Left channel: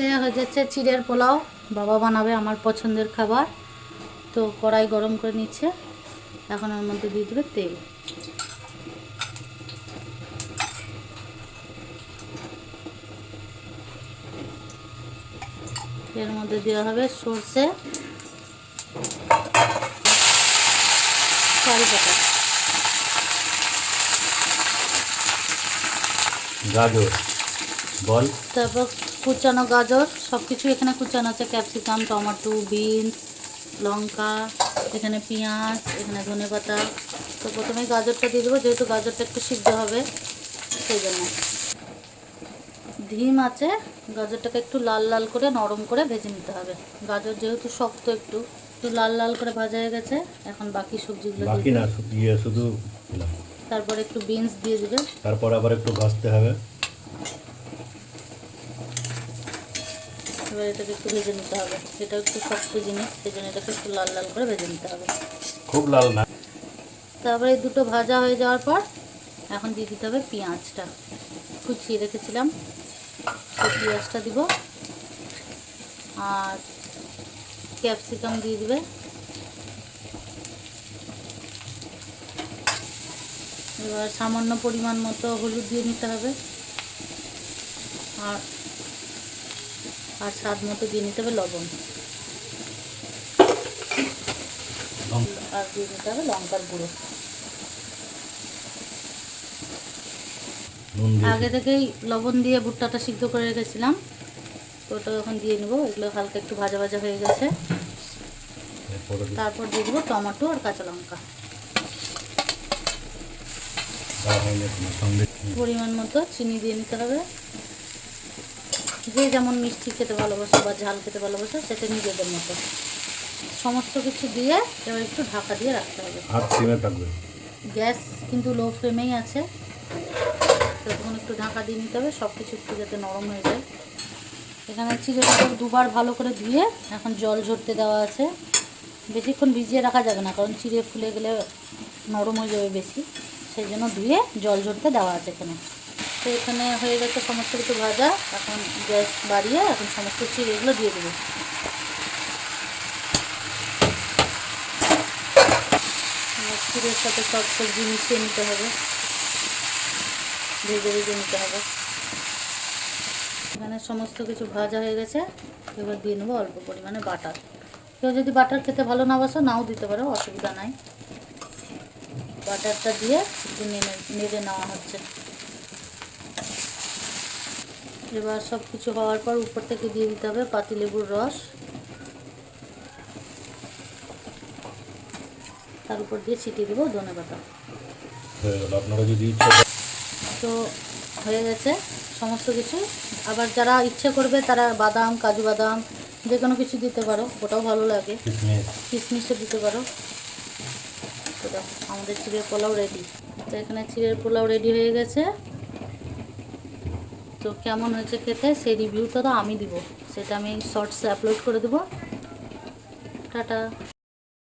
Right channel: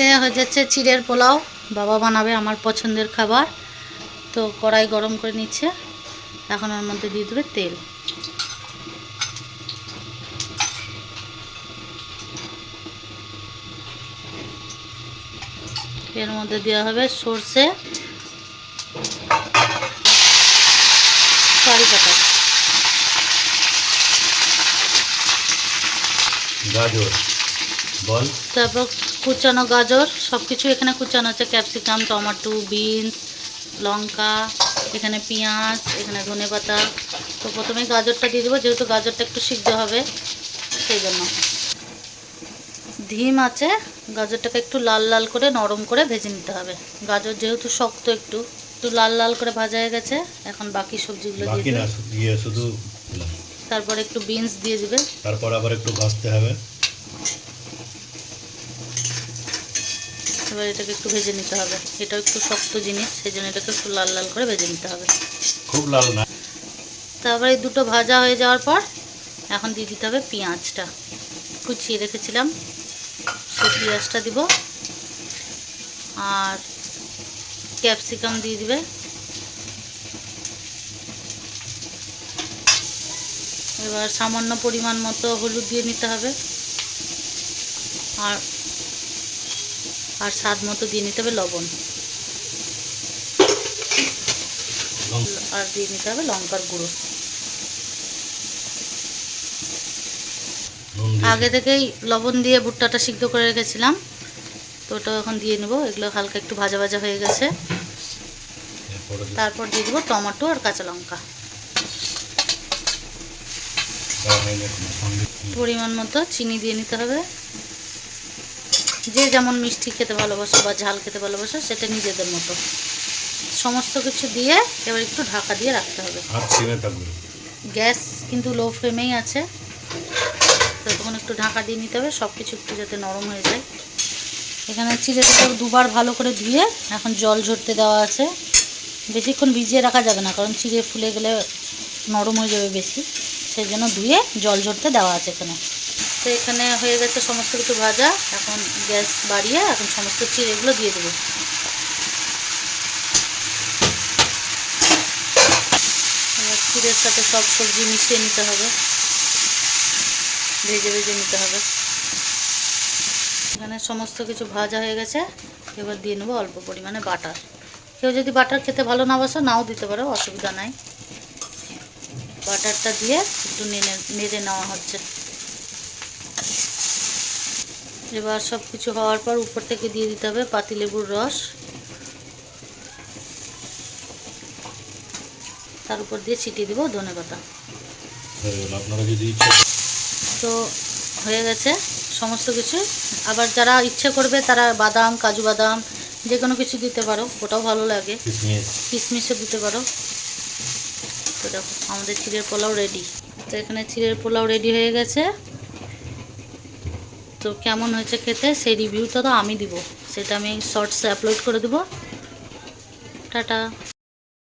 এদিকে হয়ে যাচ্ছে চিড়ের পোলাও। বাবা বানাবে আমার পছন্দের খাবার। তো কড়াই গরম করে নিচ্ছে, এখন ওর মধ্যে দিয়ে দেবে তেল। এর মধ্যে দেওয়া হবে সর্ষে, কারি পাতা, গাজর, বল, তারপর কুচানো গাজর, সব কিছু এখানে কুচানো আছে। ক্যাপসিকাম, টমেটো, বিনস, লঙ্কা, এখানে পেঁয়াজ, এখানে ধনেপাতা। তো প্রথমেই গাজরটা দিয়ে দেবো, যেহেতু গাজরটা একটু সিদ্ধ হবে সেই জন্য। ধিম আছে, গাজরটাকে একটু লাল লাল করে নরম করে ভেজে নিতে হবে। গাজর যেহেতু শক্ত, একটু লাল লাল করে ভাজা হয়ে গেছে। এখন বাকি সবজিগুলো দিয়ে দেবে। শুধু তারপর একটু বিনস দিয়ে দিবে, তারপর আবার একটু ভাজতে হবে। এবার এটাকে একটু ভেজে নিতে হবে। এটাও একটু শক্ত জিনিস, সেই জন্য এটাকে একটু লাল লাল করে ভেজে নিতে হবে, খুব লাল না। তারপরে এই দুটো ভাজা হয়ে যাওয়ার পর এখন দিয়ে দিতে হবে পেঁয়াজটা, কুচিয়ে রেখেছিলাম সেই পেঁয়াজটা দিব। আর ক্যাপসিকাম দিয়ে দিবে। এবার সামান্য পরিমাণ মতো হলুদ দিয়ে নিতে হবে, আর আর স্বাদ মতো দিয়ে নিতে হবে লবণ, আর দিয়ে নিতে হবে লঙ্কার গুঁড়ো। আগে থেকেই লবণ দিয়ে ভুট্টাটা সিদ্ধ করে রেখেছিলাম, তো ওটা এখন দিয়ে নেব। এগুলো হালকা একটু ভাজা ভাজা হয়ে গেছে। তারপর দিয়ে দেবো টমেটো আর কাঁচা লঙ্কা, পরিমাণ মতো চিনি দিয়ে নিতে হবে। যে যেমন মিষ্টি খেতে ভালোবাসো বা ঝাল খেতে ভালোবাসো সেটা নিজেদের মতো। সমস্ত কিছু দিয়ে এবার একটু ঢাকা দিয়ে রাখতে হবে। গ্যাস কিন্তু লো ফ্লেমেই আছে, তখন একটু ঢাকা দিয়ে নিতে হবে, সব কিছু একটু যাতে নরম হয়ে যায়। এখানে চিড়েটাকে দুবার ভালো করে ধুয়ে এখন জল ঝরতে দেওয়া আছে। বেশিক্ষণ ভিজিয়ে রাখা যাবে না, কারণ চিড়ে ফুলে গেলে নরম হয়ে যাবে বেশি, সেই জন্য ধুয়ে জল ঝরতে দেওয়া আছে এখানে। তো এখানে হয়ে গেছে সমস্ত কিছু ভাজা। এখন গ্যাস বাড়িয়ে এখন সমস্ত চিড়েগুলো দিয়ে দেবো। এবার চিড়ের সাথে সব সবজি মিশিয়ে নিতে হবে, ভেজে ভেজে নিতে হবে। এখানে সমস্ত কিছু ভাজা হয়ে গেছে। এবার দিয়ে নেবো অল্প পরিমাণে বাটার। কেউ যদি বাটার খেতে ভালো না বাসো, নাও দিতে পারো, অসুবিধা নাই। বাটারটা দিয়ে একটু নেড়ে নেওয়া হচ্ছে। এবার সব কিছু হওয়ার পর উপর থেকে দিয়ে দিতে হবে পাতিলেবুর রস, তার উপর দিয়ে ছিটিয়ে দেবো ধনেপাতা। তো হয়ে গেছে সমস্ত কিছু। আবার যারা ইচ্ছে করবে তারা বাদাম, কাজু বাদাম যে কোনো কিছু দিতে পারো, ওটাও ভালো লাগে, কিশমিশও দিতে পারো। তো দেখো আমাদের চিড়ের পোলাও রেডি। তো এখানে চিড়ের পোলাও রেডি হয়ে গেছে। তো কেমন হয়েছে খেতে সেই রিভিউটা তো আমি দিব, সেটা আমি শর্টসে আপলোড করে দেবো। টাটা।